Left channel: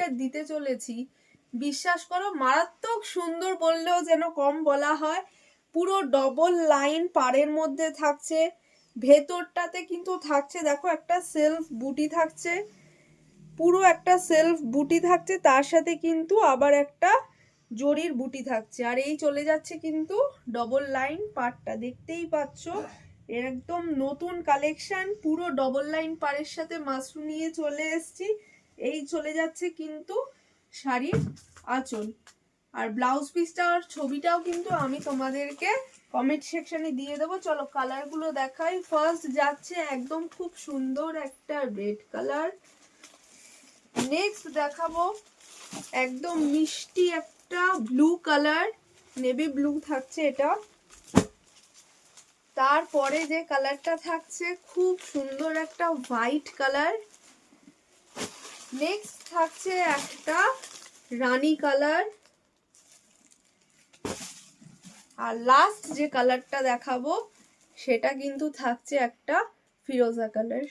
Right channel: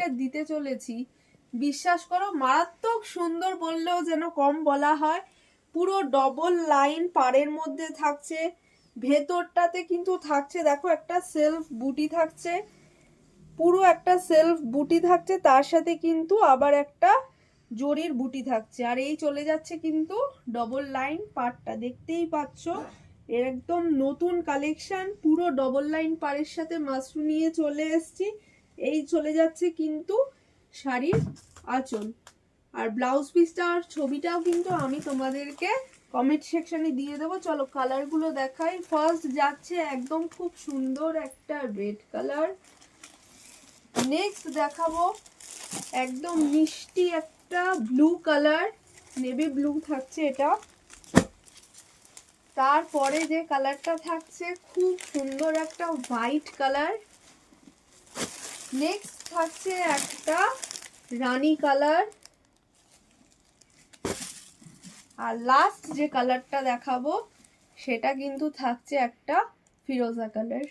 ডিজাইনটা দিতে চলেছি, বিশ্বাস করো মারাত্মক সুন্দর বললেও যেন কম বলা হয়। পুরো ডবল লাইন পাড়ের মধ্যে থাকছে, ভেতরটাতে কিন্তু থাকছে দেখো একটা সেলফ বুটি থাকছে, পুরো একটা সেলফ বুটি থাকছে, তার সাথে কিন্তু আবার একটা জরির বুটি থাকছে। আর এই চলে যাচ্ছে কিন্তু ডবল লাইন পাড়টা, দেখতেই পাচ্ছ একদম নতুন কালেকশন, পুরো ডবল লাইন পাড়ের সাথে মাশরু নিয়ে চলে এসেছি। এই চলে যাচ্ছে কিন্তু শাড়ির আঁচল। আর ব্লাউজ পিসটা আর ছবিটাও কিন্তু আমি তোমাদেরকে কমেন্ট সেকশনে দিয়ে দেবো। চলো কালারগুলো দেখাই। ফার্স্ট যাচ্ছে একদম খুব সুন্দর একটা রেড কালার, নেক্সট দেখাবো একদম মিষ্টি একটা ব্লু কালার, নেভি ব্লু থাকছে এটা। তারপরে যে কালারটা থাকছে খুব সুন্দর একটা হোয়াইট কালার, নেক্সট থাকছে একটা রানী কালার, আর লাস্ট যে কালারটা দেখাবো সেটা কিন্তু থাকছে একটা ফিরোজা কালার।